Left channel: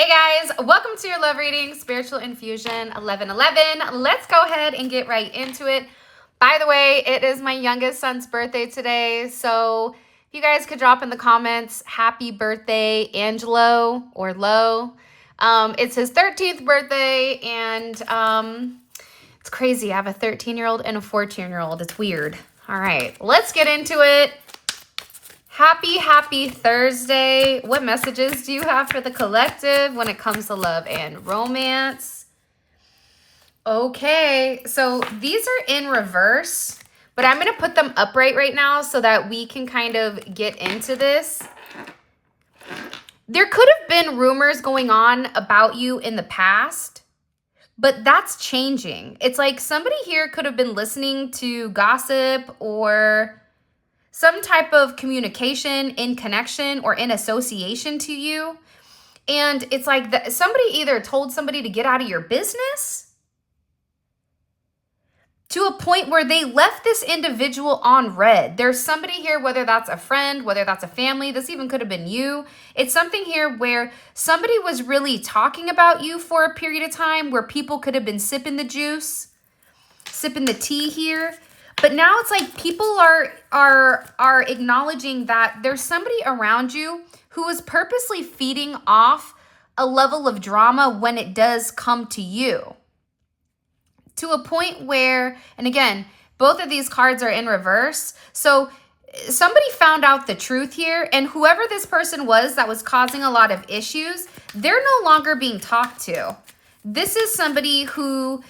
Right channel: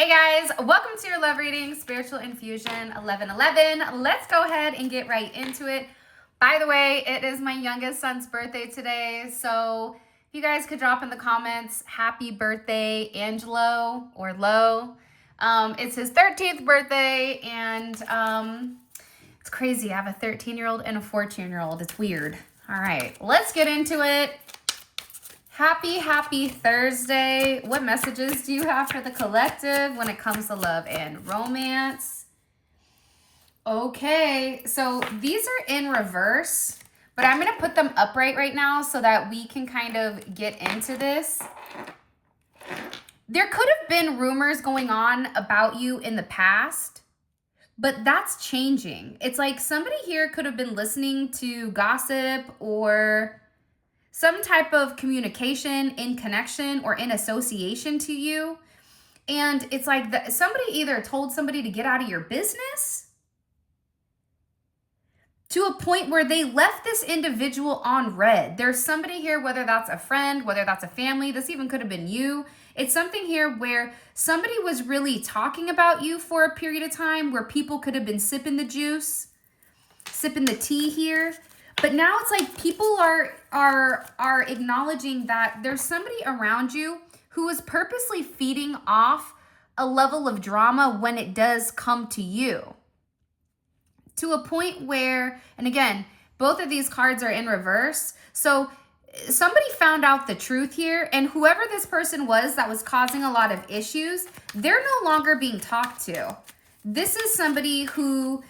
Hey guys, welcome to your love reading, Spiritual Infusion 1111. Let's go ahead and get right into it. By the way, it is my youngest son's birthday today, so if you guys could drop in the comments, happy birthday, Angelo or Lo. It's his 13th birthday, and it's crazy. I have a 13-year-old and a 14-year-old. It's weird. All right, let's get into it. Happy Thursday. What messages do you have for the collective when it comes to love and romance? Okay, so these are in reverse, but I'm going to put them upright right now so that we can kind of get into this. There could have been rumors going on about you in the past, but that's changing. It's like somebody here could have been listening to gossip or some type of communication in connection or in association to you. And it's like somebody either told somebody to get out of your business to a point where they left this individual on red. There's somebody here, whether that's a friend, whether that's a family, this even could have been you. It's something here where somebody was really talking about you for a period of time where people could have been sipping the juice, sipping the tea here. But now it's like people are acknowledging that there's somebody around you who is purposely feeding off a level of drama when it does come to you. To a point where, and again, both of these cards are in reverse. So somebody found out the truth here, and whoever this person was that was causing a lot of issues, they're no longer being talked to. This is somebody who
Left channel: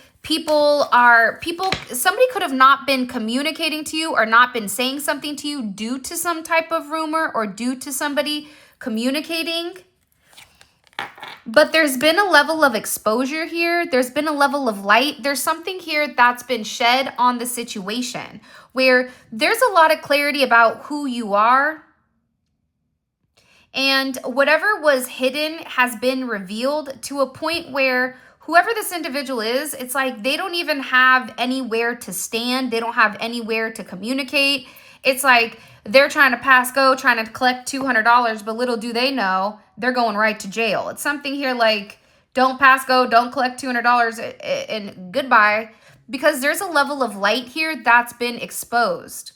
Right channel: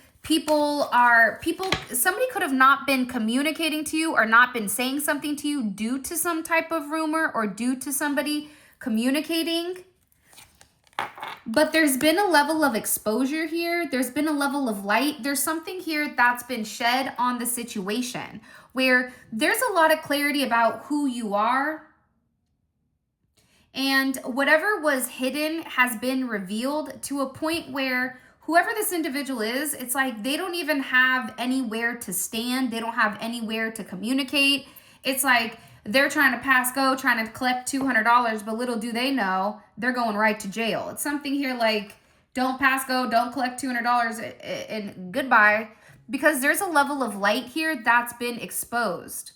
somebody could have not been communicating to you or not been saying something to you due to some type of rumor or due to somebody communicating. But there's been a level of exposure here. There's been a level of light. There's something here that's been shed on the situation where there's a lot of clarity about who you are. And whatever was hidden has been revealed to a point where whoever this individual is, it's like they don't even have anywhere to stand. They don't have anywhere to communicate. It's like they're trying to pass go, trying to collect $200, but little do they know, they're going right to jail. It's something here like, don't pass go, don't collect $200 and goodbye, because there's a level of light here that's been exposed.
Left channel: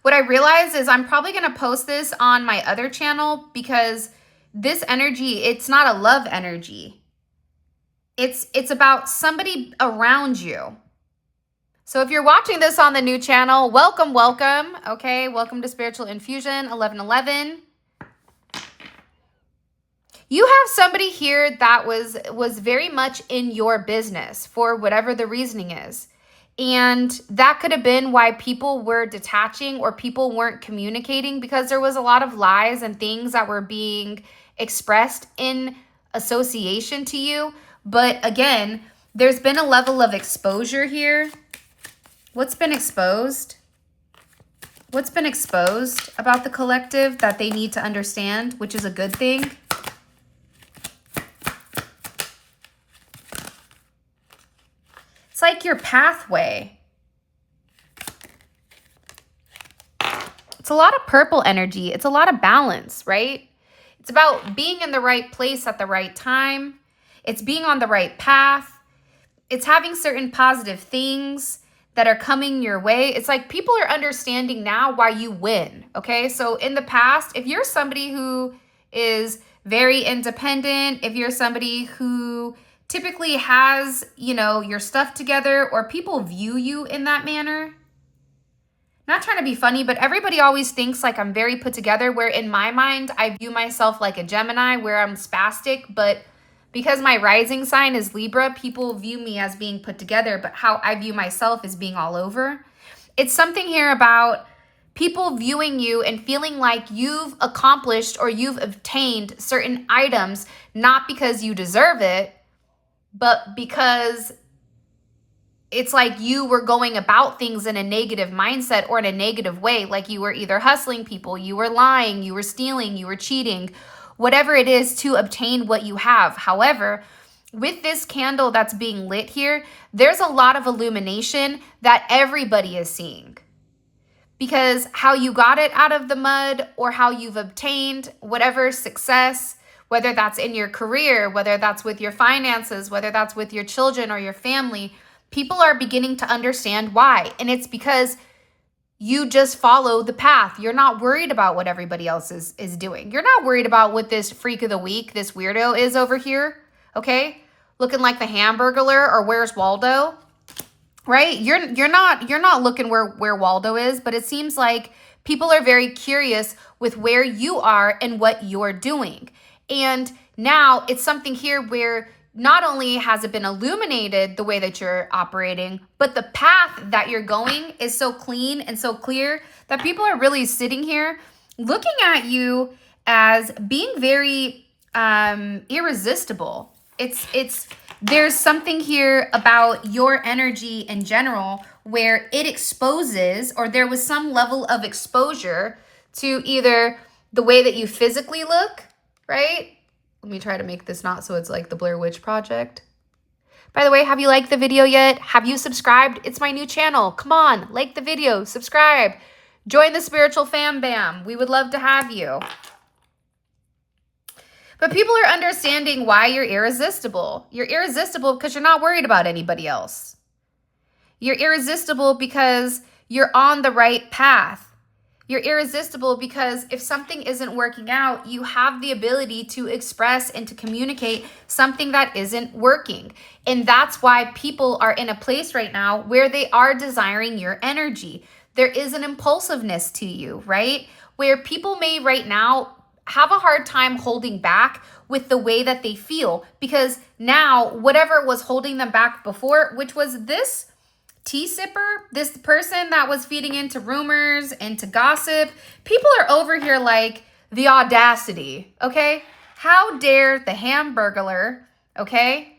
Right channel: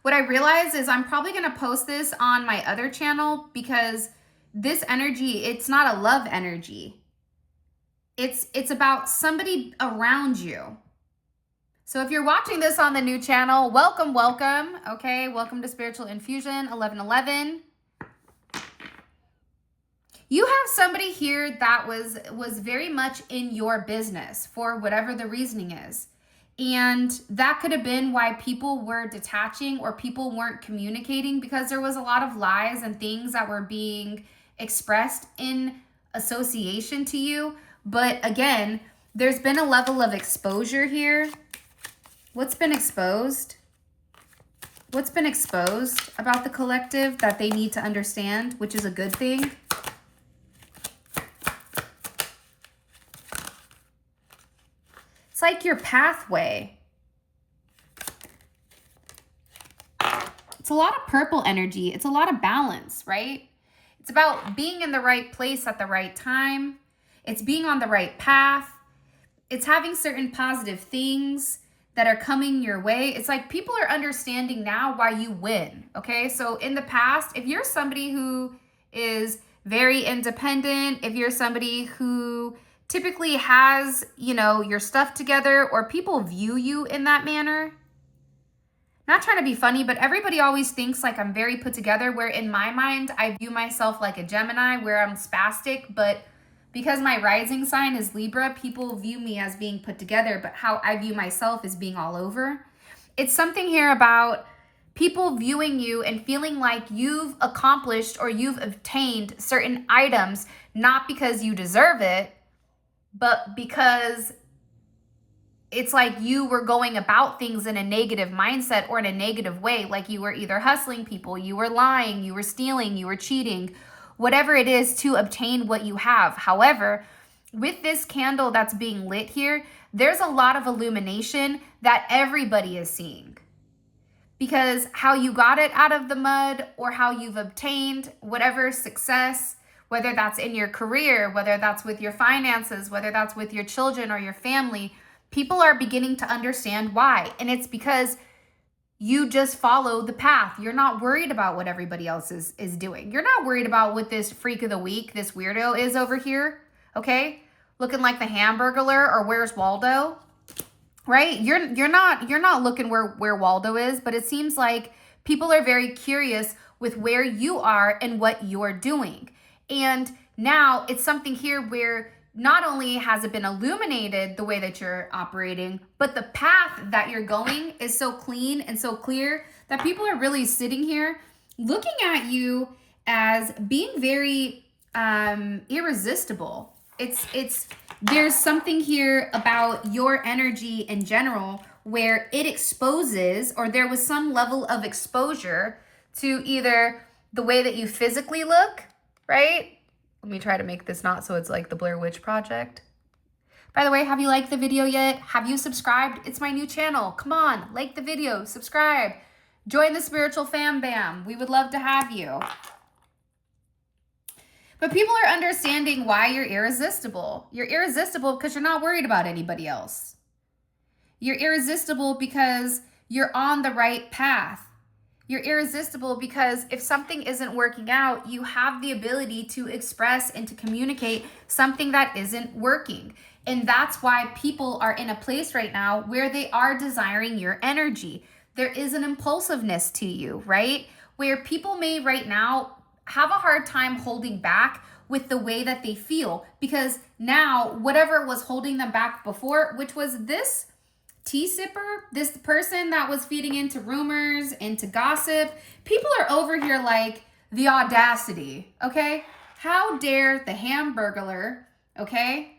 What I realize is I'm probably going to post this on my other channel because this energy, it's not a love energy. It's about somebody around you. So if you're watching this on the new channel, welcome. Okay, welcome to Spiritual Infusion 1111. You have somebody here that was very much in your business for whatever the reasoning is. And that could have been why people were detaching or people weren't communicating, because there was a lot of lies and things that were being expressed in association to you. But again, there's been a level of exposure here. What's been exposed? What's been exposed about the collective that they need to understand, which is a good thing? It's like your pathway. It's a lot of purple energy. It's a lot of balance, right? It's about being in the right place at the right time. It's being on the right path. It's having certain positive things that are coming your way. It's like people are understanding now why you win, okay? So in the past, if you're somebody who is very independent, if you're somebody who typically has, your stuff together, or people view you in that manner, not trying to be funny, but everybody always thinks like I'm very put together, where in my mind, I view myself like a Gemini, where I'm spastic, but because my rising sign is Libra, people view me as being put together, but how I view myself is being all over. It's something here about people viewing you and feeling like you've accomplished or you've obtained certain items, not because you deserve it, but because it's like you were going about things in a negative mindset or in a negative way. Like you were either hustling people, you were lying, you were stealing, you were cheating, whatever it is to obtain what you have. However, with this candle that's being lit here, there's a lot of illumination that everybody is seeing. Because how you got it out of the mud, or how you've obtained whatever success, whether that's in your career, whether that's with your finances, whether that's with your children or your family, people are beginning to understand why. And it's because you just follow the path. You're not worried about what everybody else is doing. You're not worried about what this freak of the week, this weirdo is over here, okay? Looking like the Hamburglar or Where's Waldo, right? You're not looking where Waldo is, but it seems like people are very curious with where you are and what you're doing. And now it's something here where not only has it been illuminated the way that you're operating, but the path that you're going is so clean and so clear that people are really sitting here looking at you as being very irresistible. There's something here about your energy in general where it exposes, or there was some level of exposure to either the way that you physically look, right? Let me try to make this not so it's like the Blair Witch Project. By the way, have you liked the video yet? Have you subscribed? It's my new channel. Come on, like the video, subscribe. Join the spiritual fam bam. We would love to have you. But people are understanding why you're irresistible. You're irresistible because you're not worried about anybody else. You're irresistible because you're on the right path. You're irresistible because if something isn't working out, you have the ability to express and to communicate something that isn't working. And that's why people are in a place right now where they are desiring your energy. There is an impulsiveness to you, right? Where people may right now have a hard time holding back with the way that they feel, because now whatever was holding them back before, which was this tea sipper, this person that was feeding into rumors, into gossip, people are over here like the audacity, okay? How dare the Hamburglar, okay?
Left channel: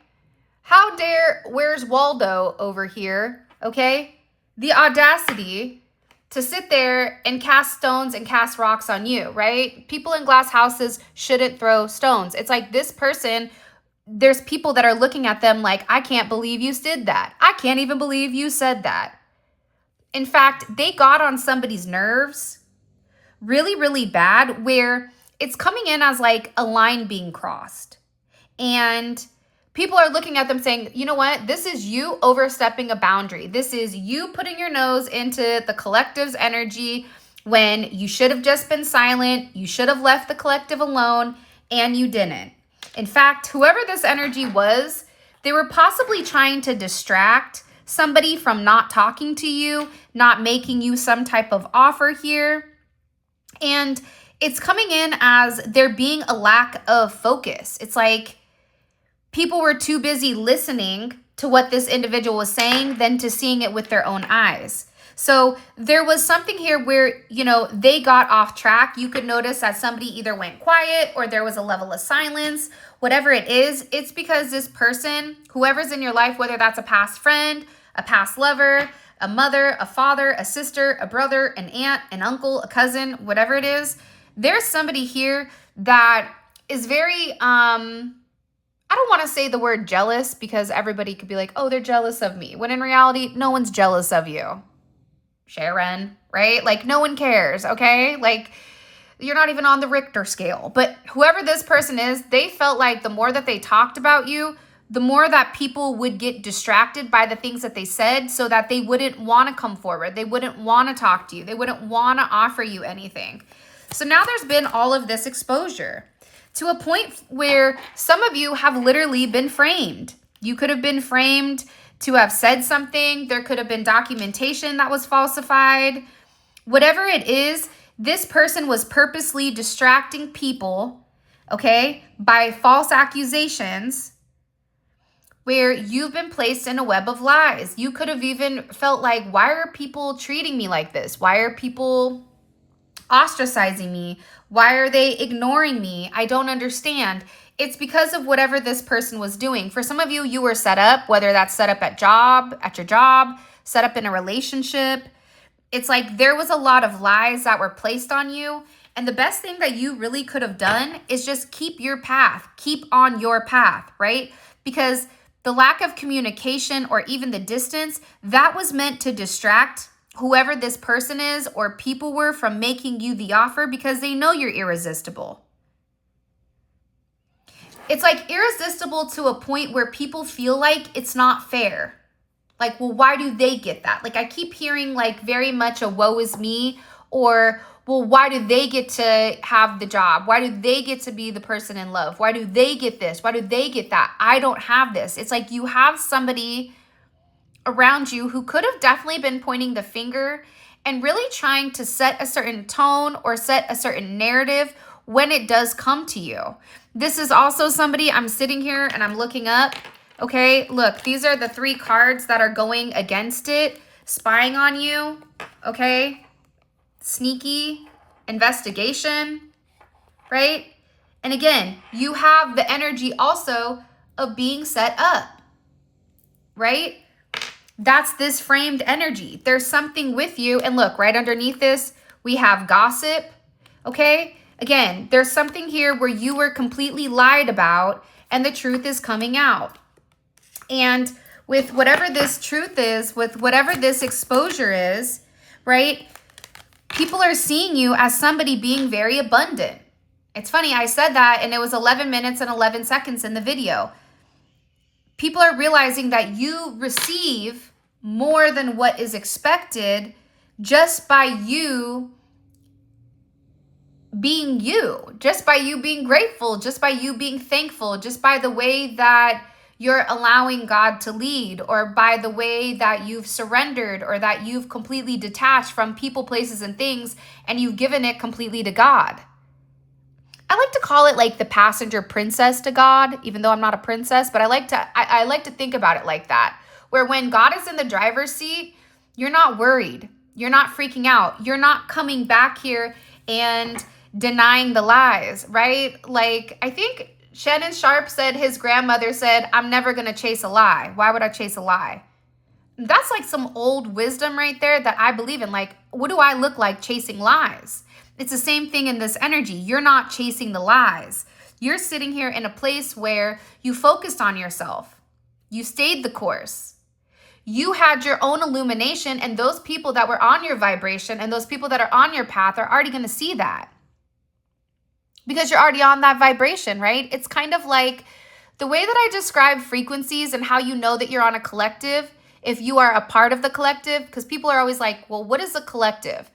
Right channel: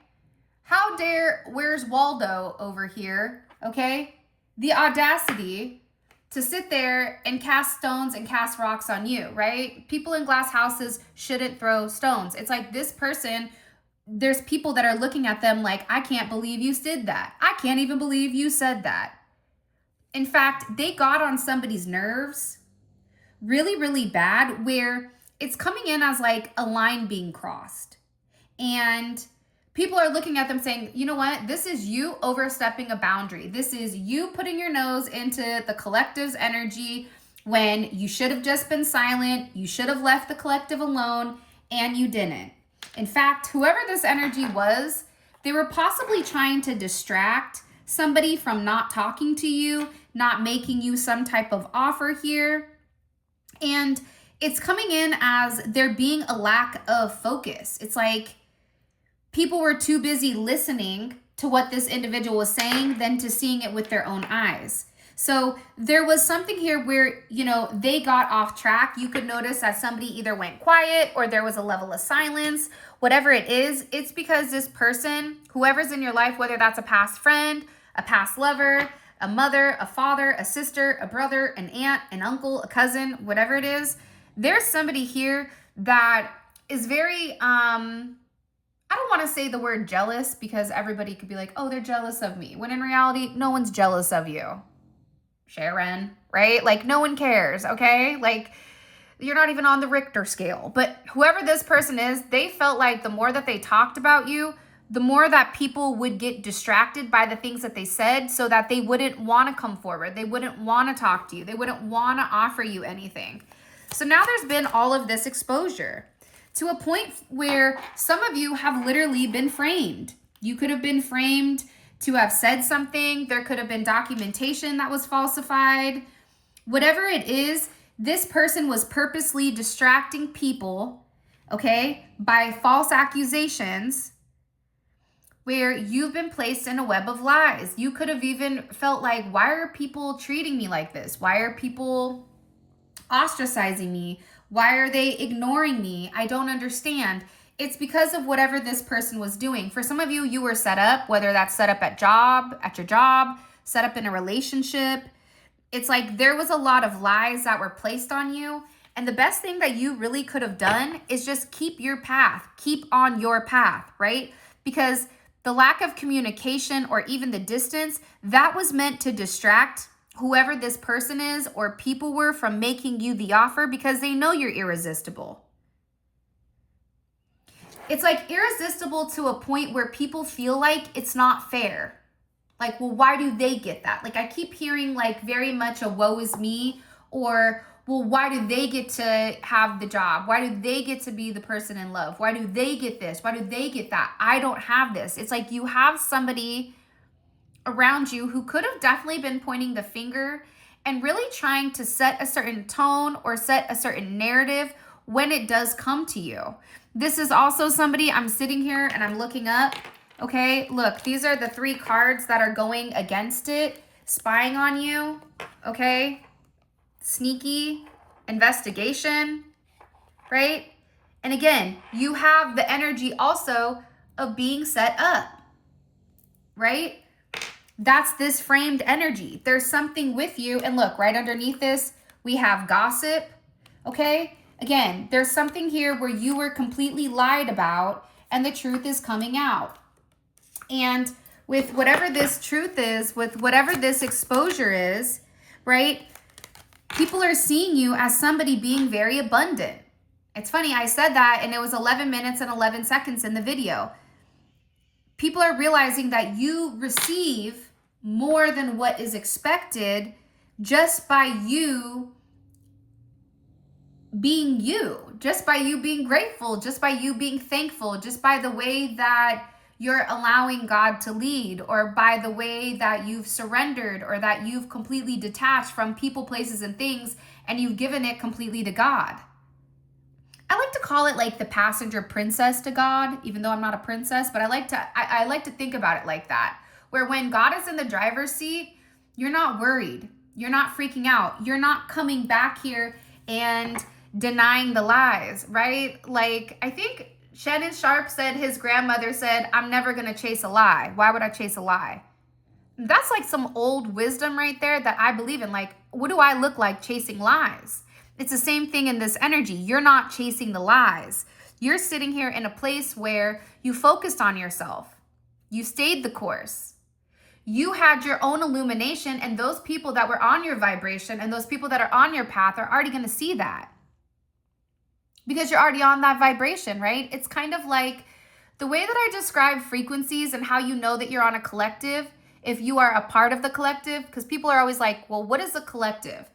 How dare Where's Waldo over here, okay? The audacity to sit there and cast stones and cast rocks on you, right? People in glass houses shouldn't throw stones. It's like this person, there's people that are looking at them like, I can't believe you did that. I can't even believe you said that. In fact, they got on somebody's nerves really, really bad, where it's coming in as like a line being crossed. And people are looking at them saying, you know what? This is you overstepping a boundary. This is you putting your nose into the collective's energy when you should have just been silent. You should have left the collective alone, and you didn't. In fact, whoever this energy was, they were possibly trying to distract somebody from not talking to you, not making you some type of offer here. And it's coming in as there being a lack of focus. It's like people were too busy listening to what this individual was saying than to seeing it with their own eyes. So there was something here where, you know, they got off track. You could notice that somebody either went quiet or there was a level of silence. Whatever it is, it's because this person, whoever's in your life, whether that's a past friend, a past lover, a mother, a father, a sister, a brother, an aunt, an uncle, a cousin, whatever it is, there's somebody here that is very, I don't want to say the word jealous, because everybody could be like, oh, they're jealous of me. When in reality, no one's jealous of you. Sharon, right? Like, no one cares, okay? Like, you're not even on the Richter scale. But whoever this person is, they felt like the more that they talked about you, the more that people would get distracted by the things that they said, so that they wouldn't want to come forward. They wouldn't want to talk to you. They wouldn't want to offer you anything. So now there's been all of this exposure to a point where some of you have literally been framed. You could have been framed to have said something. There could have been documentation that was falsified. Whatever it is, this person was purposely distracting people, okay, by false accusations, where you've been placed in a web of lies. You could have even felt like, why are people treating me like this? Why are people ostracizing me? Why are they ignoring me? I don't understand. It's because of whatever this person was doing. For some of you, you were set up, whether that's set up at your job, set up in a relationship. It's like there was a lot of lies that were placed on you. And the best thing that you really could have done is just keep your path, keep on your path, right? Because the lack of communication or even the distance, that was meant to distract whoever this person is or people were from making you the offer, because they know you're irresistible. It's like irresistible to a point where people feel like it's not fair. Like, well, why do they get that? Like, I keep hearing like very much a woe is me, or, well, why do they get to have the job? Why do they get to be the person in love? Why do they get this? Why do they get that? I don't have this. It's like you have somebody around you who could have definitely been pointing the finger and really trying to set a certain tone or set a certain narrative when it does come to you. This is also somebody, I'm sitting here and I'm looking up. Okay, look, these are the 3 cards that are going against it. Spying on you, okay? Sneaky, investigation, right? And again, you have the energy also of being set up, right? That's this framed energy. There's something with you. And look, right underneath this, we have gossip, okay? Again, there's something here where you were completely lied about and the truth is coming out. And with whatever this truth is, with whatever this exposure is, right? People are seeing you as somebody being very abundant. It's funny, I said that and it was 11 minutes and 11 seconds in the video. People are realizing that you receive more than what is expected just by you being you, just by you being grateful, just by you being thankful, just by the way that you're allowing God to lead, or by the way that you've surrendered or that you've completely detached from people, places, and things, and you've given it completely to God. I like to call it like the passenger princess to God, even though I'm not a princess, but I like to think about it like that, where when God is in the driver's seat, you're not worried. You're not freaking out. You're not coming back here and denying the lies, right? Like, I think Shannon Sharp said his grandmother said, I'm never going to chase a lie. Why would I chase a lie? That's like some old wisdom right there that I believe in. Like, what do I look like chasing lies? It's the same thing in this energy. You're not chasing the lies. You're sitting here in a place where you focused on yourself. You stayed the course. You had your own illumination, and those people that were on your vibration and those people that are on your path are already going to see that. Because you're already on that vibration, right? It's kind of like the way that I describe frequencies and how you know that you're on a collective, if you are a part of the collective, because people are always like, well, what is a collective?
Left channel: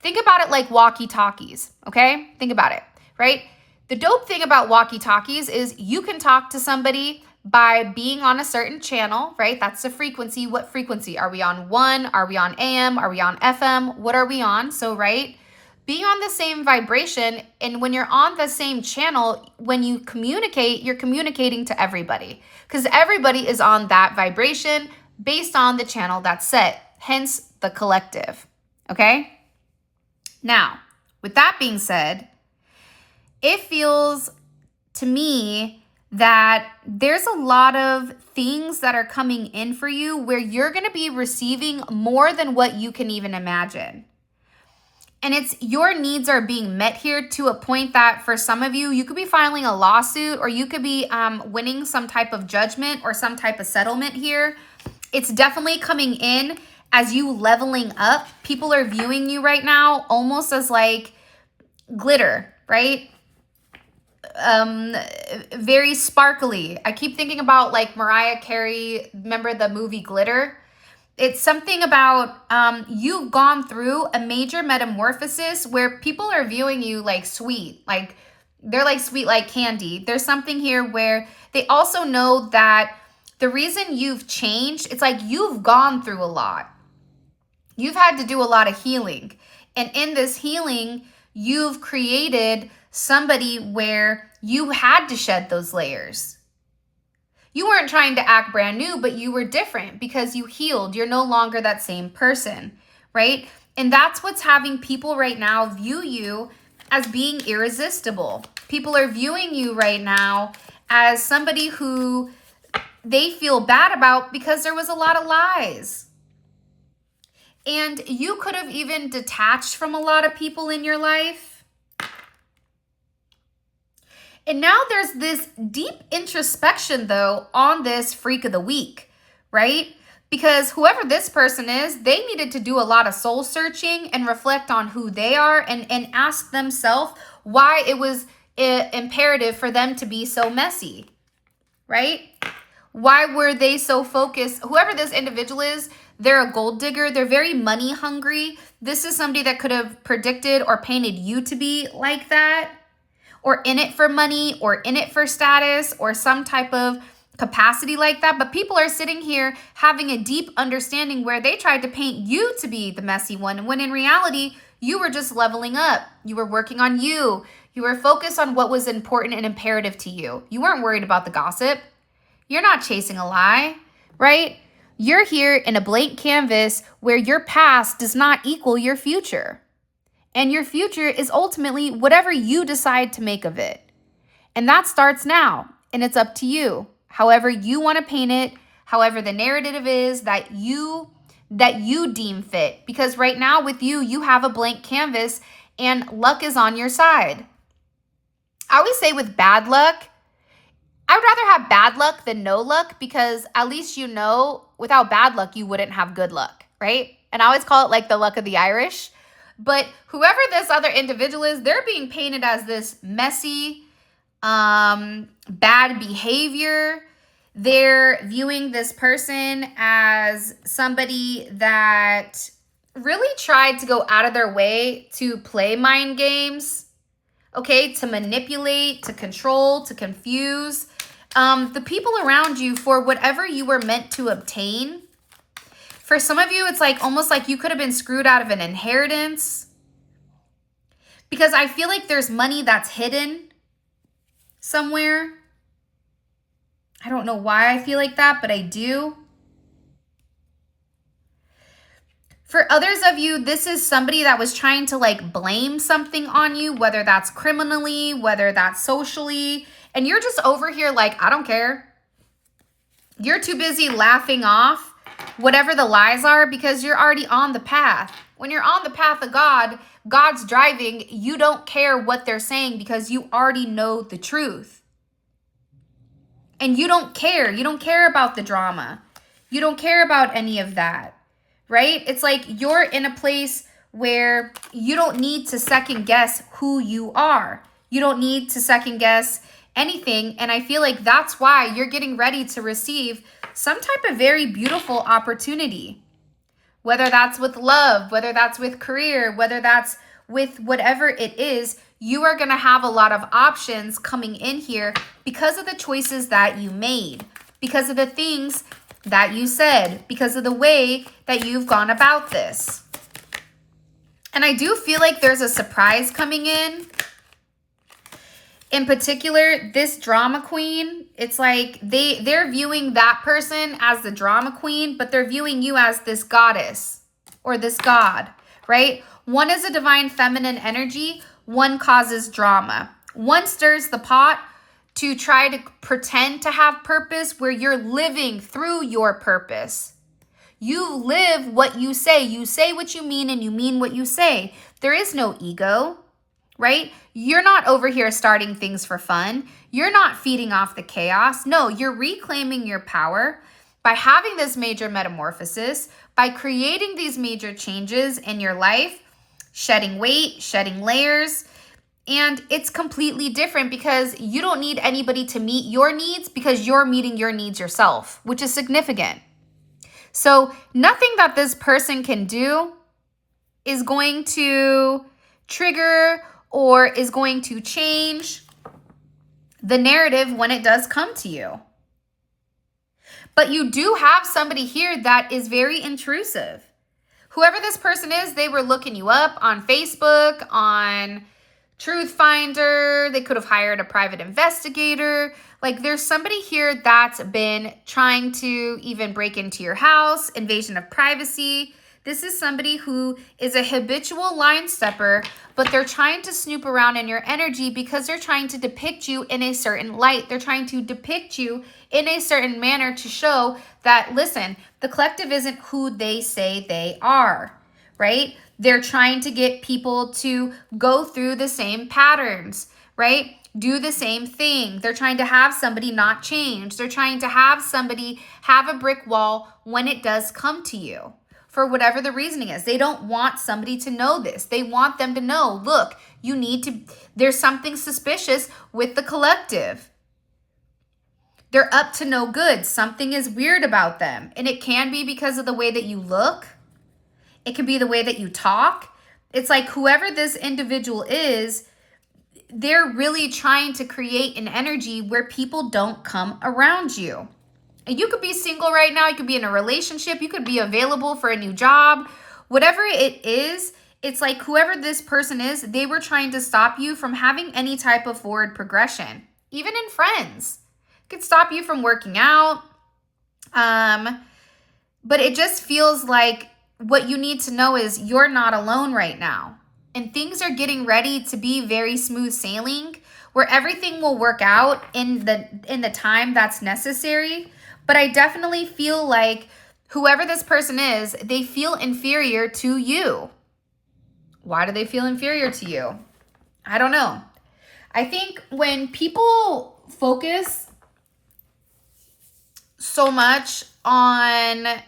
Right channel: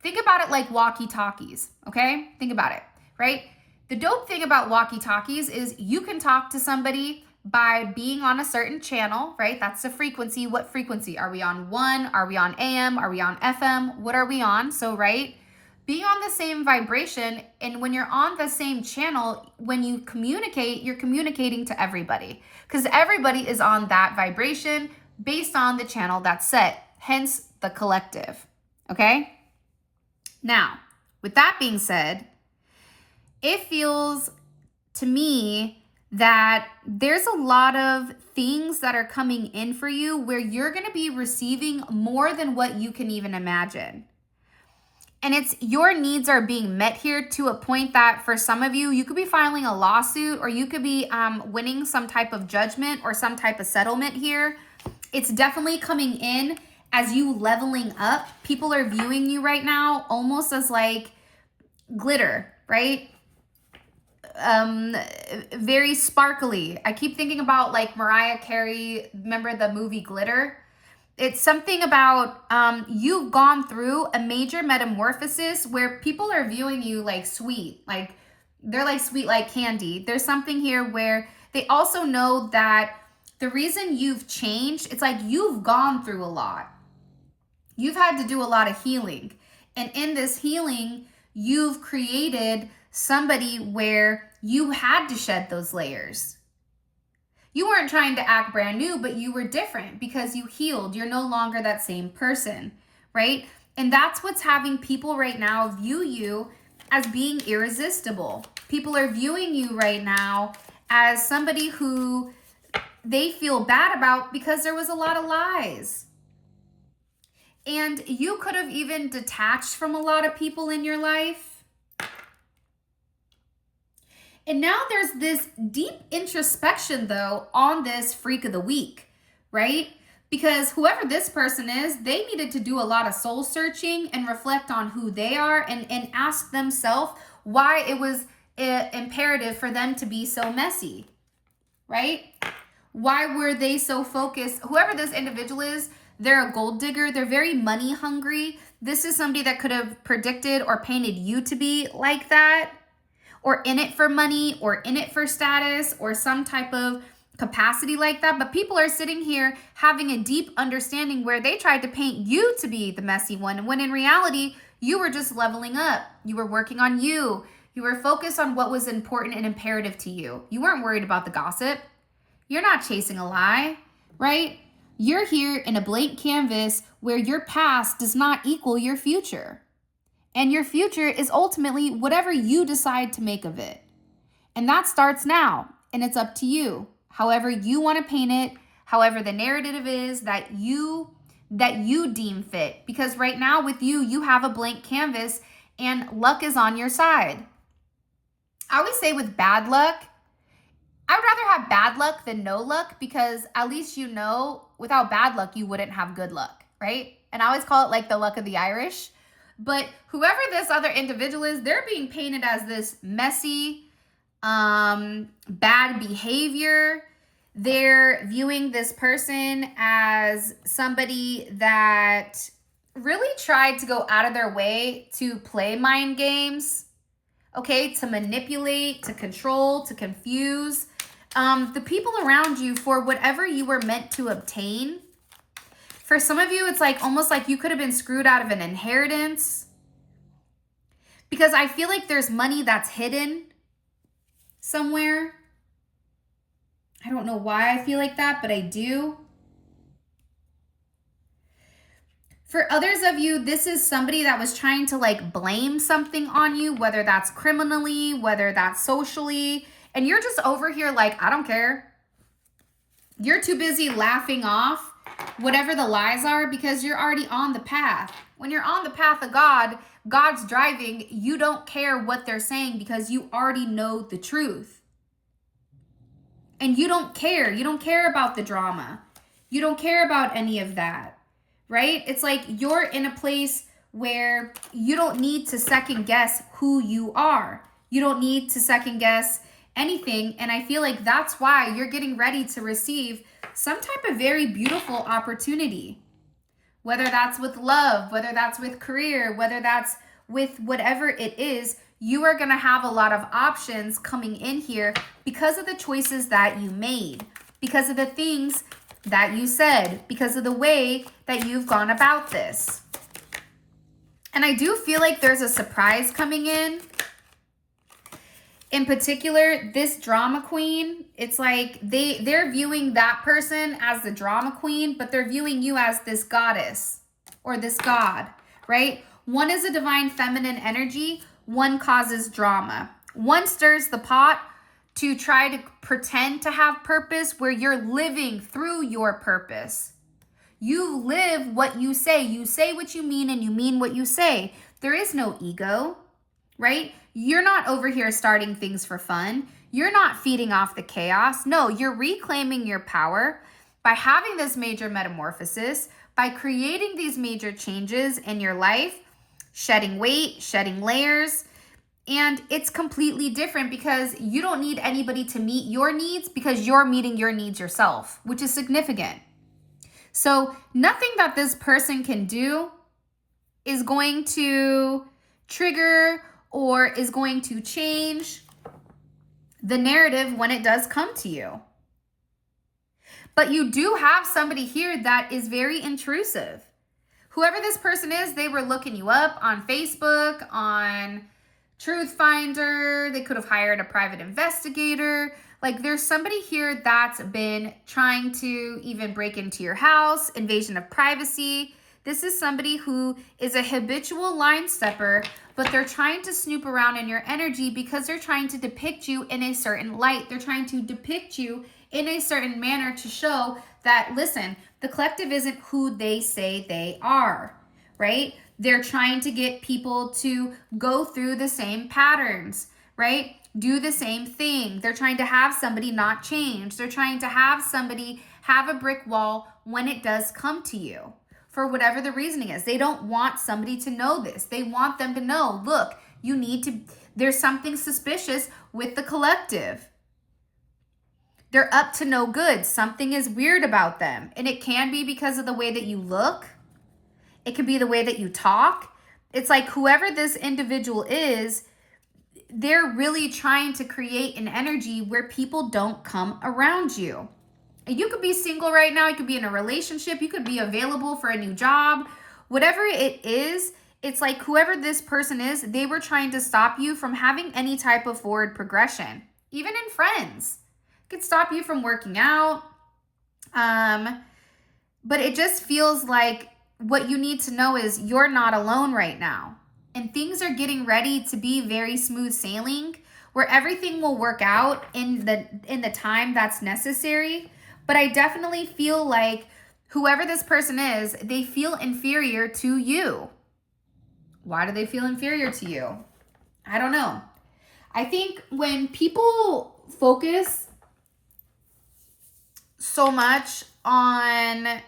Think about it like walkie-talkies, okay? Think about it, right? The dope thing about walkie-talkies is you can talk to somebody by being on a certain channel, right? That's the frequency. What frequency? Are we on 1? Are we on AM? Are we on FM? What are we on? So, right? Being on the same vibration, and when you're on the same channel, when you communicate, you're communicating to everybody because everybody is on that vibration based on the channel that's set, hence the collective, okay? Now, with that being said, it feels to me that there's a lot of things that are coming in for you where you're going to be receiving more than what you can even imagine. And it's your needs are being met here to a point that for some of you, you could be filing a lawsuit or you could be winning some type of judgment or some type of settlement here. It's definitely coming in as you leveling up. People are viewing you right now almost as like glitter, right? Very sparkly. I keep thinking about like Mariah Carey. Remember the movie Glitter? It's something about you've gone through a major metamorphosis where people are viewing you like sweet, like they're like sweet like candy. There's something here where they also know that the reason you've changed, it's like you've gone through a lot. You've had to do a lot of healing. And in this healing, you've created somebody where you had to shed those layers. You weren't trying to act brand new, but you were different because you healed. You're no longer that same person, right? And that's what's having people right now view you as being irresistible. People are viewing you right now as somebody who they feel bad about because there was a lot of lies. And you could have even detached from a lot of people in your life. And now there's this deep introspection, though, on this freak of the week, right? Because whoever this person is, they needed to do a lot of soul searching and reflect on who they are and ask themselves why it was imperative for them to be so messy, right? Why were they so focused? Whoever this individual is, they're a gold digger. They're very money hungry. This is somebody that could have predicted or painted you to be like that, or in it for money, or in it for status, or some type of capacity like that. But people are sitting here having a deep understanding where they tried to paint you to be the messy one, when in reality, you were just leveling up. You were working on you. You were focused on what was important and imperative to you. You weren't worried about the gossip. You're not chasing a lie, right? You're here in a blank canvas where your past does not equal your future. And your future is ultimately whatever you decide to make of it. And that starts now, and it's up to you. However you want to paint it, however the narrative is that you deem fit. Because right now with you, you have a blank canvas and luck is on your side. I always say with bad luck, I would rather have bad luck than no luck, because at least you know without bad luck, you wouldn't have good luck, right? And I always call it like the luck of the Irish. But whoever this other individual is, they're being painted as this messy, bad behavior. They're viewing this person as somebody that really tried to go out of their way to play mind games, okay, to manipulate, to control, to confuse the people around you for whatever you were meant to obtain. For some of you, it's like almost like you could have been screwed out of an inheritance, because I feel like there's money that's hidden somewhere. I don't know why I feel like that, but I do. For others of you, this is somebody that was trying to like blame something on you, whether that's criminally, whether that's socially, and you're just over here like, I don't care. You're too busy laughing off whatever the lies are, because you're already on the path. When you're on the path of God, God's driving, you don't care what they're saying because you already know the truth. And you don't care. You don't care about the drama. You don't care about any of that, right? It's like you're in a place where you don't need to second guess who you are. You don't need to second guess anything. And I feel like that's why you're getting ready to receive some type of very beautiful opportunity, whether that's with love, whether that's with career, whether that's with whatever it is. You are going to have a lot of options coming in here because of the choices that you made, because of the things that you said, because of the way that you've gone about this. And I do feel like there's a surprise coming in. In particular, this drama queen, it's like they're viewing that person as the drama queen, but they're viewing you as this goddess or this god, right? One is a divine feminine energy. One causes drama. One stirs the pot to try to pretend to have purpose, where you're living through your purpose. You live what you say. You say what you mean, and you mean what you say. There is no ego, right? You're not over here starting things for fun. You're not feeding off the chaos. No, you're reclaiming your power by having this major metamorphosis, by creating these major changes in your life, shedding weight, shedding layers. And it's completely different because you don't need anybody to meet your needs, because you're meeting your needs yourself, which is significant. So nothing that this person can do is going to trigger or is going to change the narrative when it does come to you. But you do have somebody here that is very intrusive. Whoever this person is, they were looking you up on Facebook, on Truth Finder. They could have hired a private investigator. Like, there's somebody here that's been trying to even break into your house, invasion of privacy. This is somebody who is a habitual line stepper, but they're trying to snoop around in your energy because they're trying to depict you in a certain light. They're trying to depict you in a certain manner to show that, listen, the collective isn't who they say they are, right? They're trying to get people to go through the same patterns, right? Do the same thing. They're trying to have somebody not change. They're trying to have somebody have a brick wall when it does come to you, for whatever the reasoning is. They don't want somebody to know this. They want them to know, look, There's something suspicious with the collective. They're up to no good. Something is weird about them. And it can be because of the way that you look. It can be the way that you talk. It's like whoever this individual is, they're really trying to create an energy where people don't come around you. And you could be single right now. You could be in a relationship. You could be available for a new job. Whatever it is, it's like whoever this person is, they were trying to stop you from having any type of forward progression. Even in friends. It could stop you from working out. But it just feels like what you need to know is you're not alone right now. And things are getting ready to be very smooth sailing, where everything will work out in the time that's necessary. But I definitely feel like whoever this person is, they feel inferior to you. Why do they feel inferior to you? I don't know. I think when people focus so much on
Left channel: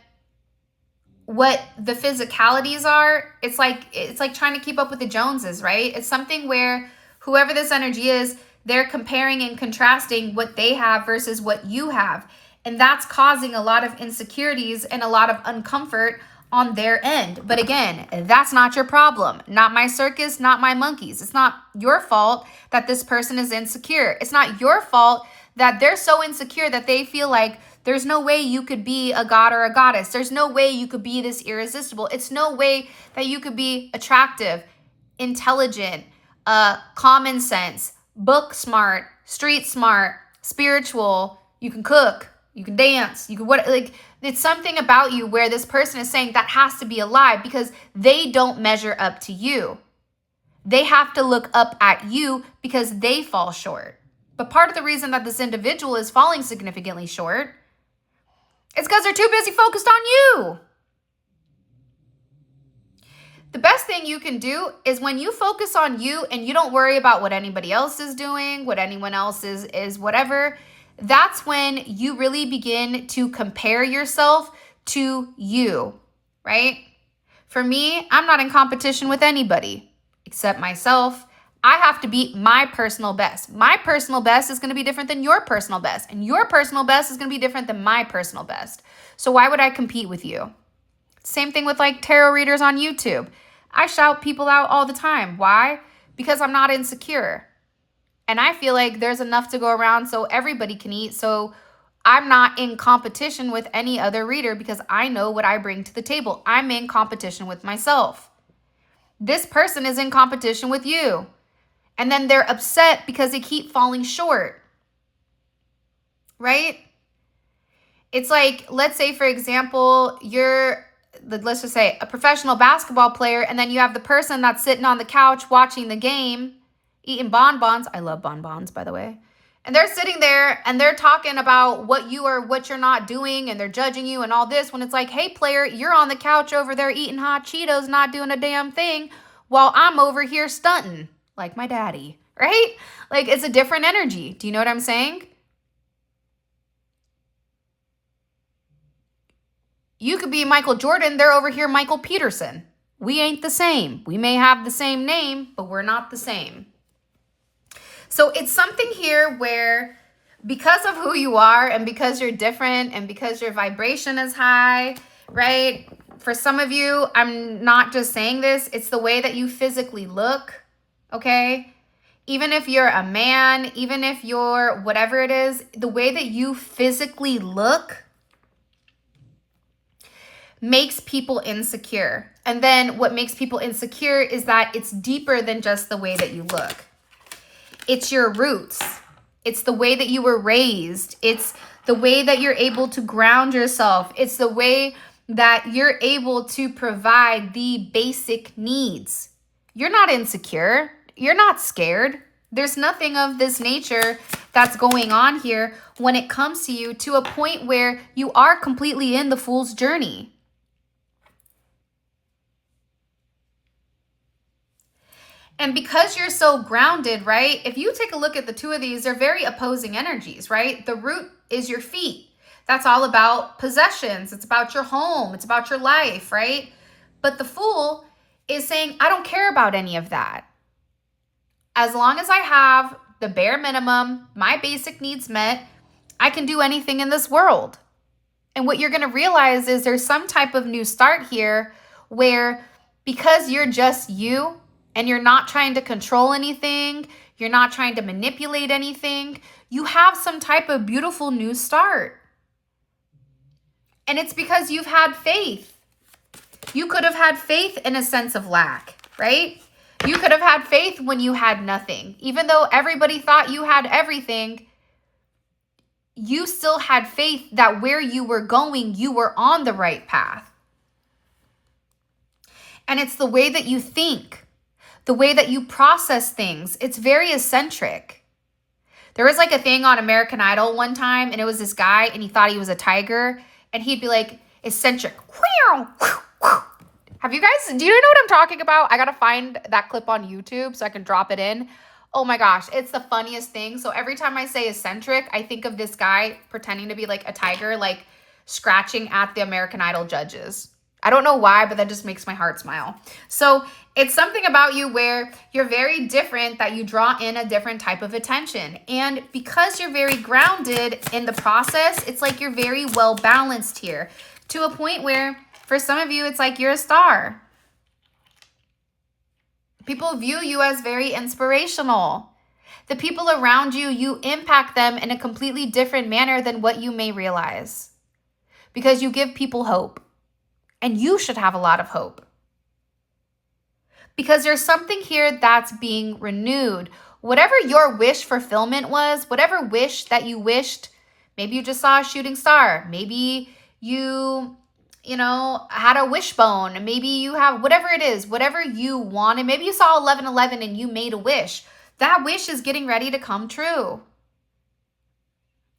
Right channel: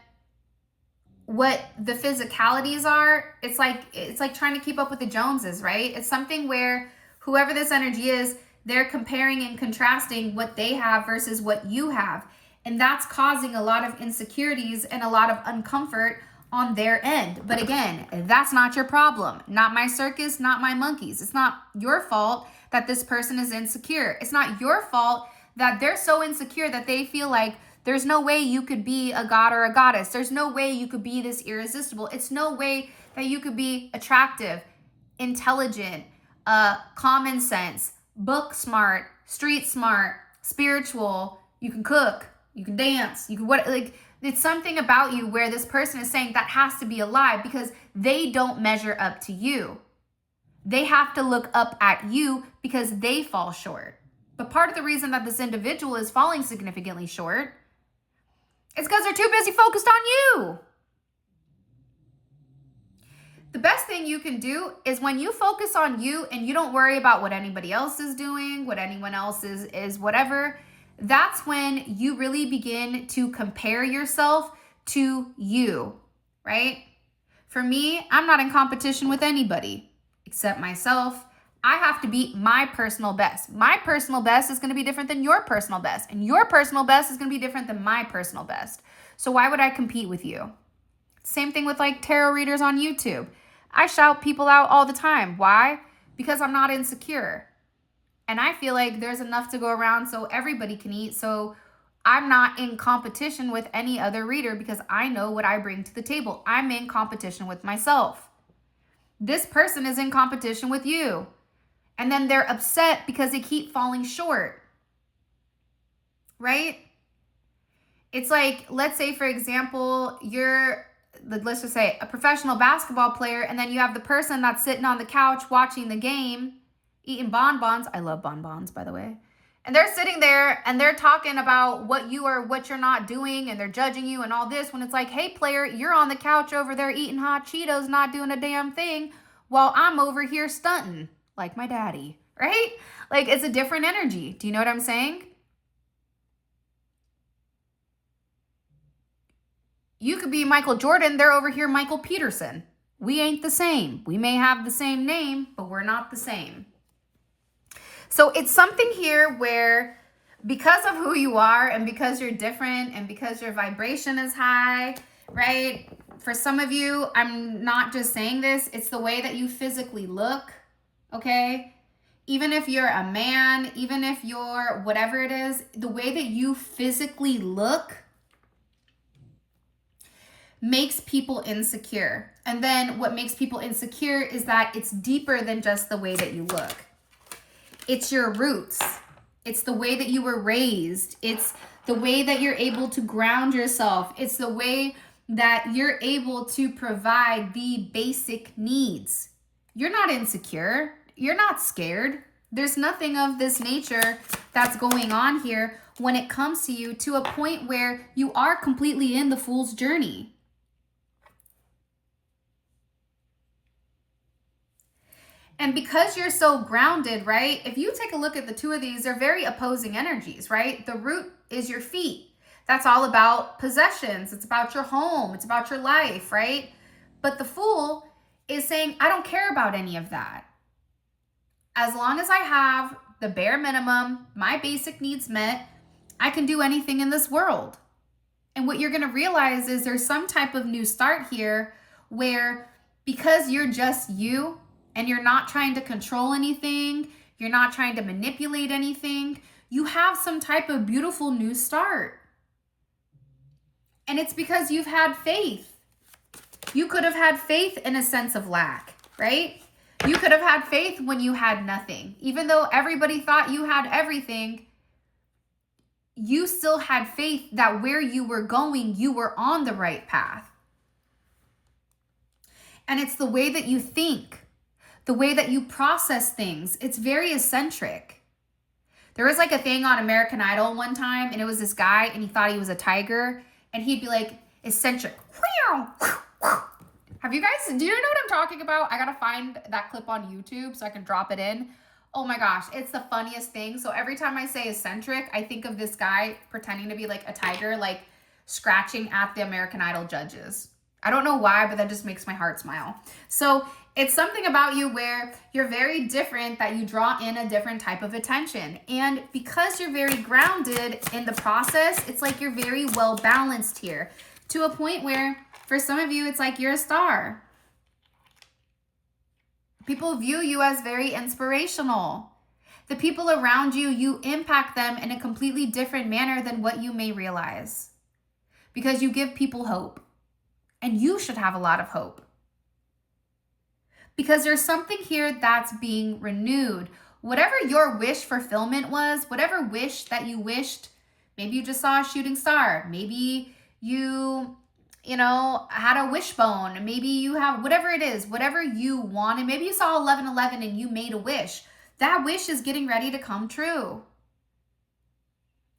what the physicalities are, it's like trying to keep up with the Joneses, right? It's something where whoever this energy is, they're comparing and contrasting what they have versus what you have. And that's causing a lot of insecurities and a lot of uncomfort on their end. But again, that's not your problem. Not my circus, not my monkeys. It's not your fault that this person is insecure. It's not your fault that they're so insecure that they feel like there's no way you could be a god or a goddess. There's no way you could be this irresistible. It's no way that you could be attractive, intelligent, common sense, book smart, street smart, spiritual. You can cook. You can dance. You can it's something about you where this person is saying that has to be a lie because they don't measure up to you. They have to look up at you because they fall short. But part of the reason that this individual is falling significantly short is because they're too busy focused on you. The best thing you can do is when you focus on you and you don't worry about what anybody else is doing, what anyone else is whatever, that's when you really begin to compare yourself to you, right? For me, I'm not in competition with anybody except myself. I have to beat my personal best. My personal best is going to be different than your personal best. And your personal best is going to be different than my personal best. So why would I compete with you? Same thing with like tarot readers on YouTube. I shout people out all the time. Why? Because I'm not insecure. And I feel like there's enough to go around so everybody can eat. So I'm not in competition with any other reader because I know what I bring to the table. I'm in competition with myself. This person is in competition with you. And then they're upset because they keep falling short. Right? It's like, let's say, for example, let's just say a professional basketball player, and then you have the person that's sitting on the couch watching the game, eating bonbons. I love bonbons, by the way. And they're sitting there and they're talking about what you're not doing, and they're judging you and all this, when it's like, hey, player, you're on the couch over there eating hot Cheetos, not doing a damn thing, while I'm over here stunting like my daddy, right? Like, it's a different energy. Do you know what I'm saying? You could be Michael Jordan. They're over here Michael Peterson. We ain't the same. We may have the same name, but we're not the same. So it's something here where because of who you are and because you're different and because your vibration is high, right? For some of you, I'm not just saying this, it's the way that you physically look, okay? Even if you're a man, even if you're whatever it is, the way that you physically look makes people insecure. And then what makes people insecure is that it's deeper than just the way that you look. It's your roots. It's the way that you were raised. It's the way that you're able to ground yourself. It's the way that you're able to provide the basic needs. You're not insecure. You're not scared. There's nothing of this nature that's going on here when it comes to you to a point where you are completely in the fool's journey. And because you're so grounded, right? If you take a look at the two of these, they're very opposing energies, right? The root is your feet. That's all about possessions. It's about your home. It's about your life, right? But the fool is saying, I don't care about any of that. as long as I have the bare minimum, my basic needs met, I can do anything in this world. And what you're going to realize is there's some type of new start here where, because you're just you and you're not trying to control anything, you're not trying to manipulate anything, you have some type of beautiful new start. And it's because you've had faith. You could have had faith in a sense of lack, right? You could have had faith when you had nothing. Even though everybody thought you had everything, you still had faith that where you were going, you were on the right path. And it's the way that you think, the way that you process things. It's very eccentric. There was like a thing on American Idol one time, and it was this guy, and he thought he was a tiger, and he'd be like, eccentric. Have you guys, do you know what I'm talking about? I gotta find that clip on YouTube so I can drop it in. Oh my gosh, it's the funniest thing. So every time I say eccentric, I think of this guy pretending to be like a tiger, like scratching at the American Idol judges. I don't know why, but that just makes my heart smile. So it's something about you where you're very different, that you draw in a different type of attention. And because you're very grounded in the process, it's like you're very well balanced here, to a point where for some of you, it's like you're a star. People view you as very inspirational. The people around you, you impact them in a completely different manner than what you may realize, because you give people hope. And you should have a lot of hope, because there's something here that's being renewed. Whatever your wish fulfillment was, whatever wish that you wished, maybe you just saw a shooting star. Maybe you had a wishbone. Maybe you have whatever it is, whatever you wanted. Maybe you saw 11:11 and you made a wish. That wish is getting ready to come true.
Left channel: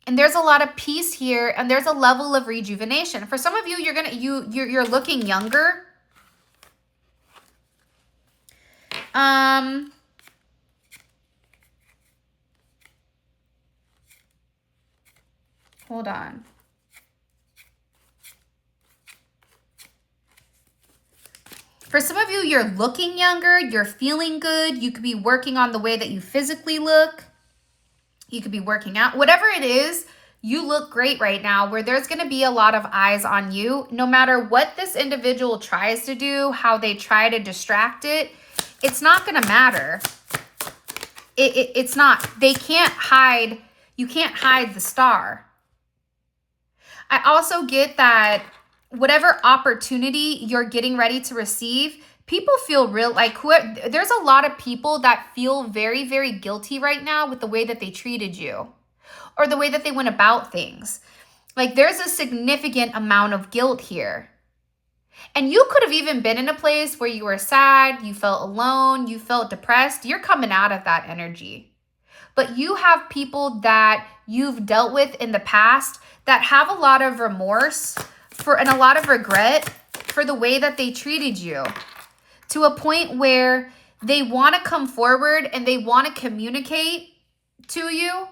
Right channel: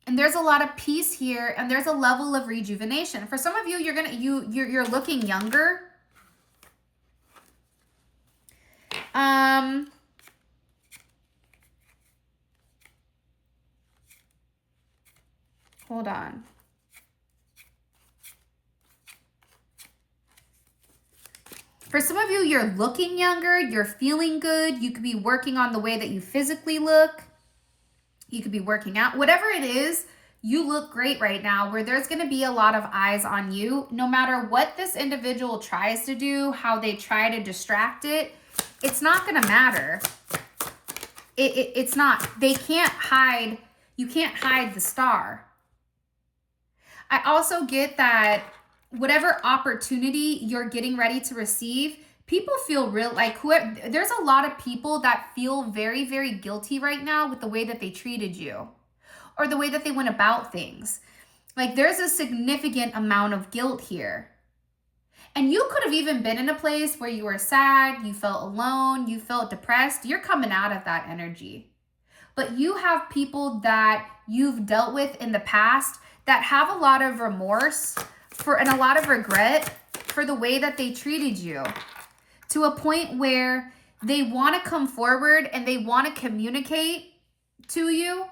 And there's a lot of peace here, and there's a level of rejuvenation. For some of you, you're looking younger. Hold on. For some of you, you're looking younger, you're feeling good. You could be working on the way that you physically look. You could be working out. Whatever it is, you look great right now, where there's going to be a lot of eyes on you. No matter what this individual tries to do, how they try to distract it, it's not going to matter. It's not. They can't hide. You can't hide the star. I also get that whatever opportunity you're getting ready to receive, people feel there's a lot of people that feel very, very guilty right now with the way that they treated you or the way that they went about things. Like, there's a significant amount of guilt here. And you could have even been in a place where you were sad, you felt alone, you felt depressed. You're coming out of that energy. But you have people that you've dealt with in the past that have a lot of remorse and a lot of regret for the way that they treated you, to a point where they want to come forward and they want to communicate to you,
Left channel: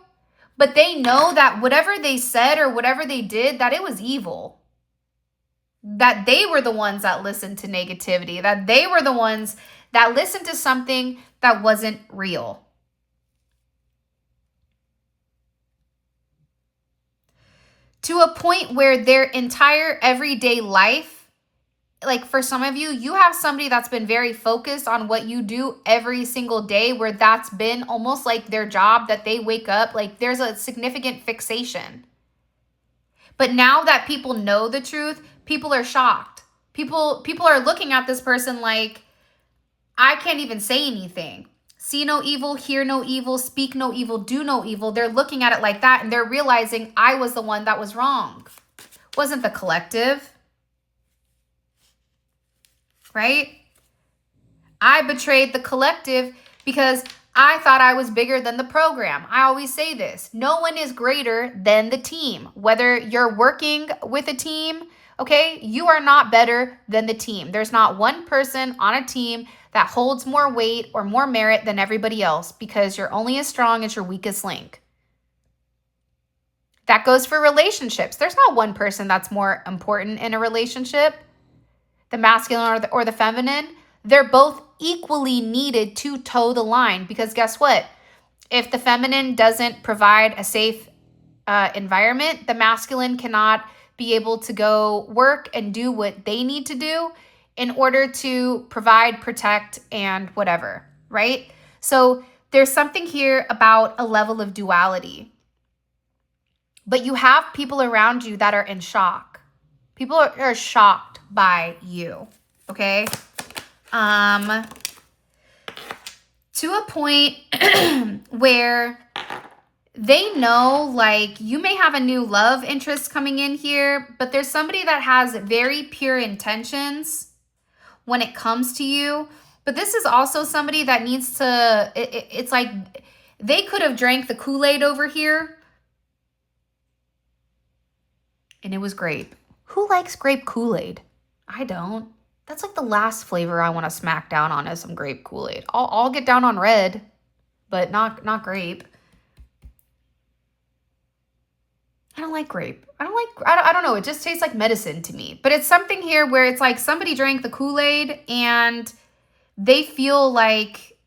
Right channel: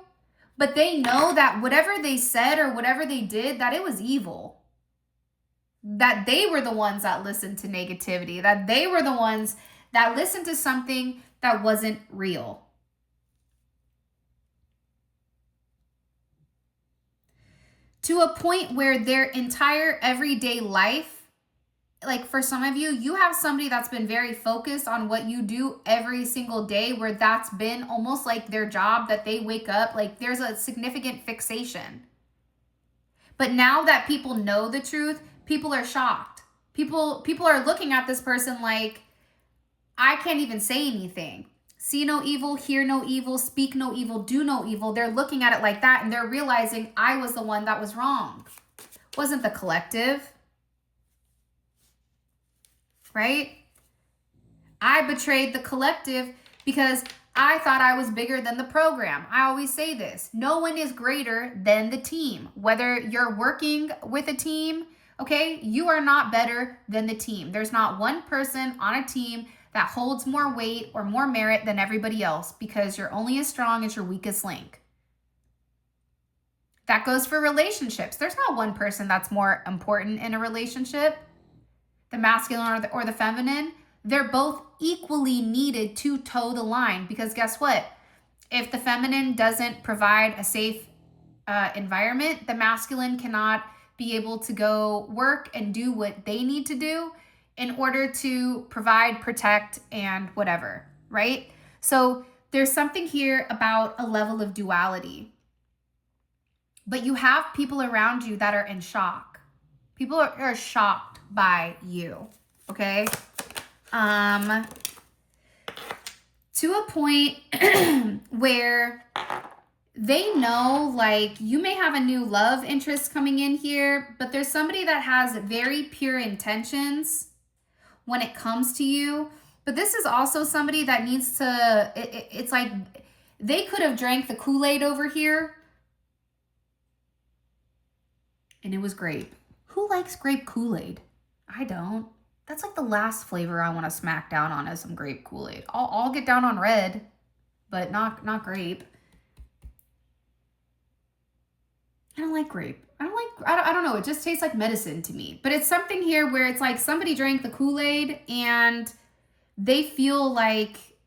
but they know that whatever they said or whatever they did, that it was evil. That they were the ones that listened to negativity, that they were the ones that listened to something that wasn't real. To a point where their entire everyday life, like for some of you, you have somebody that's been very focused on what you do every single day, where that's been almost like their job, that they wake up, like there's a significant fixation. But now that people know the truth, people are shocked. People are looking at this person like, I can't even say anything. See no evil, hear no evil, speak no evil, do no evil. They're looking at it like that, and they're realizing I was the one that was wrong. Wasn't the collective. Right? I betrayed the collective because I thought I was bigger than the program. I always say this. No one is greater than the team. Whether you're working with a team, okay, you are not better than the team. There's not one person on a team that holds more weight or more merit than everybody else, because you're only as strong as your weakest link. That goes for relationships. There's not one person that's more important in a relationship, the masculine or the feminine. They're both equally needed to toe the line, because guess what? If the feminine doesn't provide a safe environment, the masculine cannot be able to go work and do what they need to do in order to provide, protect, and whatever, right? So there's something here about a level of duality. But you have people around you that are in shock. People are shocked by you, okay? To a point where they know, like, you may have a new love interest coming in here, but there's somebody that has very pure intentions when it comes to you. But this is also somebody that needs to, it's like they could have drank the Kool-Aid over here and it was grape. Who likes grape Kool-Aid? I don't. That's like the last flavor I want to smack down on is some grape Kool-Aid. I'll get down on red, but not grape. I don't like grape. I don't know. It just tastes like medicine to me. But it's something here where it's like somebody drank the Kool-Aid and they feel like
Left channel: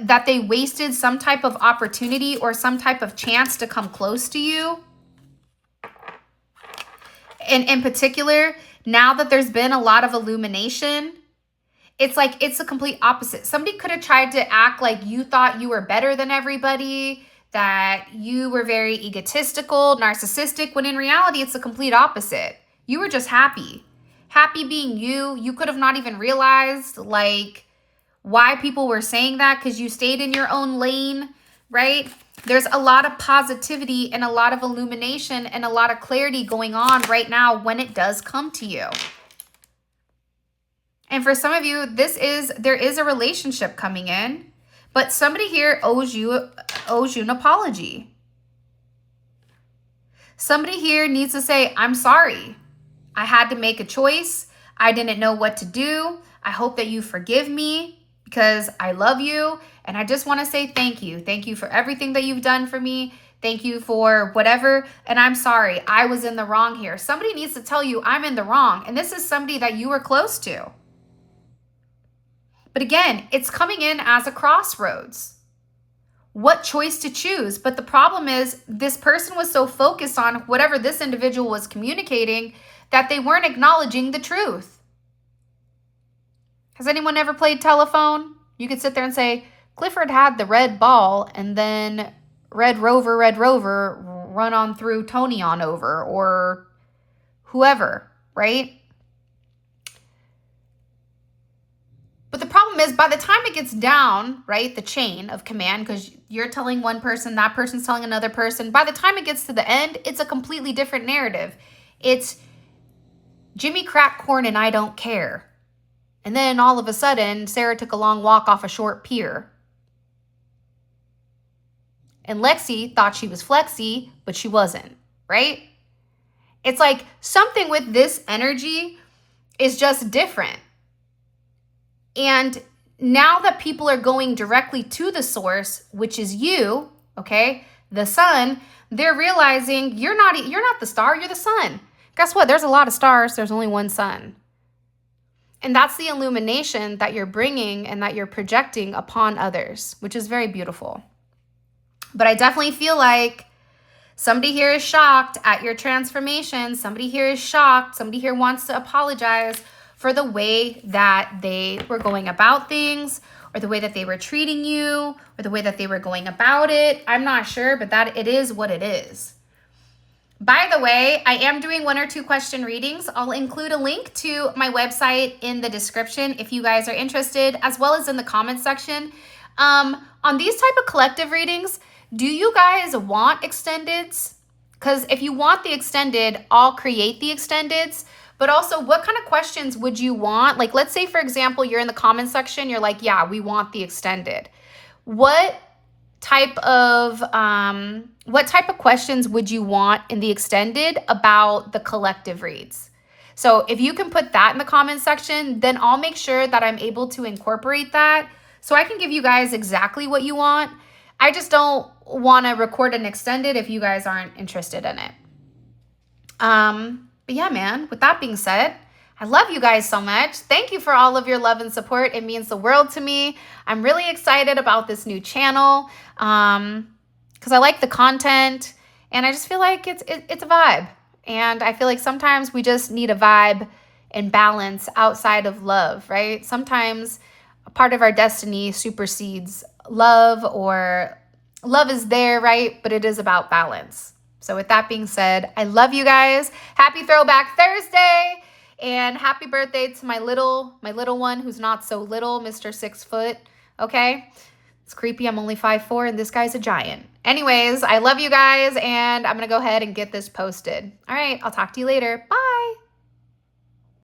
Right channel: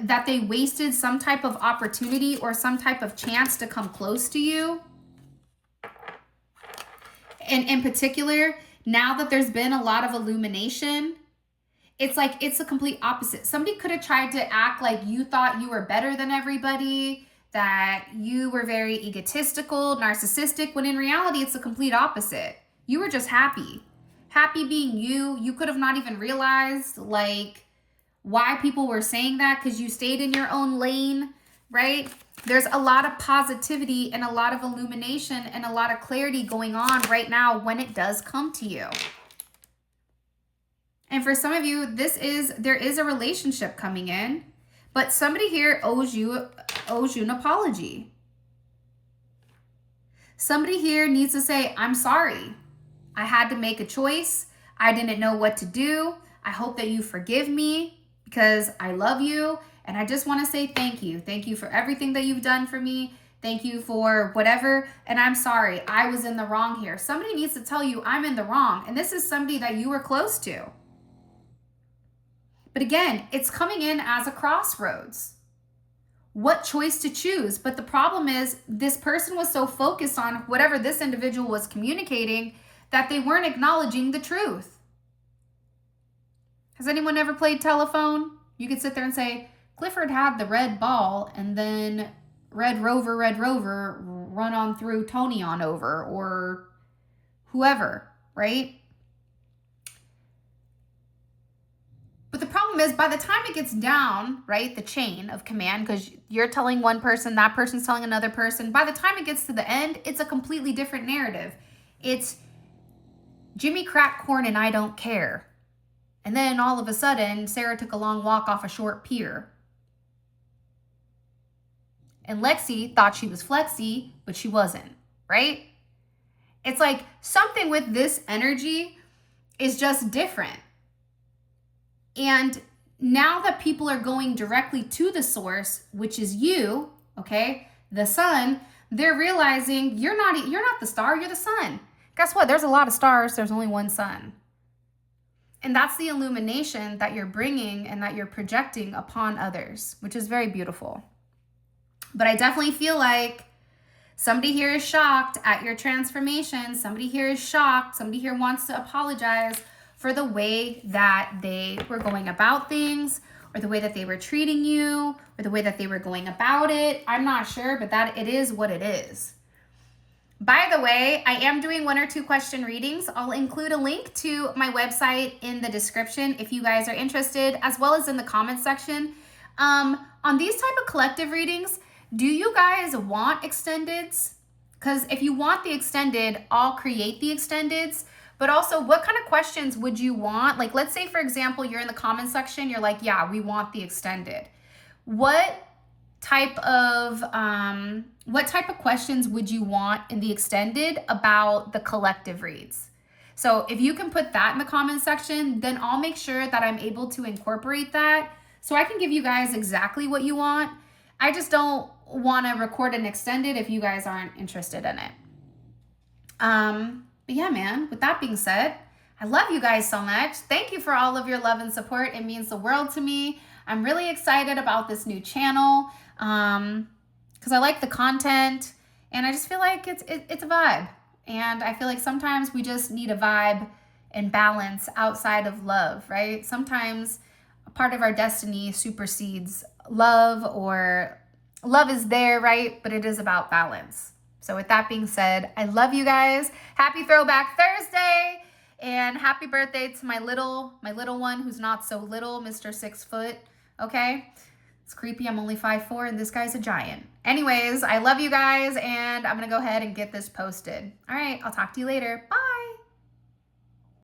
that they wasted some type of opportunity or some type of chance to come close to you. And in particular, now that there's been a lot of illumination, it's like it's the complete opposite. Somebody could have tried to act like you thought you were better than everybody, that you were very egotistical, narcissistic, when in reality, it's the complete opposite. You were just happy. Happy being you. You could have not even realized, like, why people were saying that because you stayed in your own lane, right? There's a lot of positivity and a lot of illumination and a lot of clarity going on right now when it does come to you. And for some of you, there is a relationship coming in, but somebody here owes you an apology. Somebody here needs to say, I'm sorry. I had to make a choice. I didn't know what to do. I hope that you forgive me because I love you. And I just want to say thank you. Thank you for everything that you've done for me. Thank you for whatever. And I'm sorry. I was in the wrong here. Somebody needs to tell you I'm in the wrong. And this is somebody that you were close to. But again, it's coming in as a crossroads. What choice to choose? But the problem is this person was so focused on whatever this individual was communicating that they weren't acknowledging the truth. Has anyone ever played telephone? You could sit there and say, Clifford had the red ball and then Red Rover, run on through Tony on over or whoever, right? But the problem is by the time it gets down, right, the chain of command, because you're telling one person, that person's telling another person, by the time it gets to the end, it's a completely different narrative. It's Jimmy cracked corn and I don't care. And then all of a sudden, Sarah took a long walk off a short pier. And Lexi thought she was Flexi, but she wasn't, right? It's like something with this energy is just different. And now that people are going directly to the source, which is you, okay, the sun, they're realizing you're not the star, you're the sun. Guess what? There's a lot of stars. There's only one sun. And that's the illumination that you're bringing and that you're projecting upon others, which is very beautiful. But I definitely feel like somebody here is shocked at your transformation. Somebody here is shocked. Somebody here wants to apologize for the way that they were going about things or the way that they were treating you or the way that they were going about it. I'm not sure, but that it is what it is. By the way, I am doing 1 or 2 question readings. I'll include a link to my website in the description if you guys are interested, as well as in the comment section. On these type of collective readings, do you guys want extendeds? Because if you want the extended, I'll create the extendeds. But also, what kind of questions would you want? Like, let's say, for example, you're in the comment section. You're like, yeah, we want the extended. What type of questions would you want in the extended about the collective reads? So if you can put that in the comment section, then I'll make sure that I'm able to incorporate that so I can give you guys exactly what you want. I just don't want to record an extended if you guys aren't interested in it. But yeah, man, with that being said, I love you guys so much. Thank you for all of your love and support. It means the world to me. I'm really excited about this new channel because I like the content and I just feel like it's a vibe. And I feel like sometimes we just need a vibe and balance outside of love, right? Sometimes a part of our destiny supersedes love, or love is there, right? But it is about balance. So with that being said, I love you guys. Happy Throwback Thursday. And happy birthday to my little one who's not so little, Mr. 6 foot. Okay? It's creepy. I'm only 5'4" and this guy's a giant. Anyways, I love you guys and I'm going to go ahead and get this posted. All right. I'll talk to you later. Bye.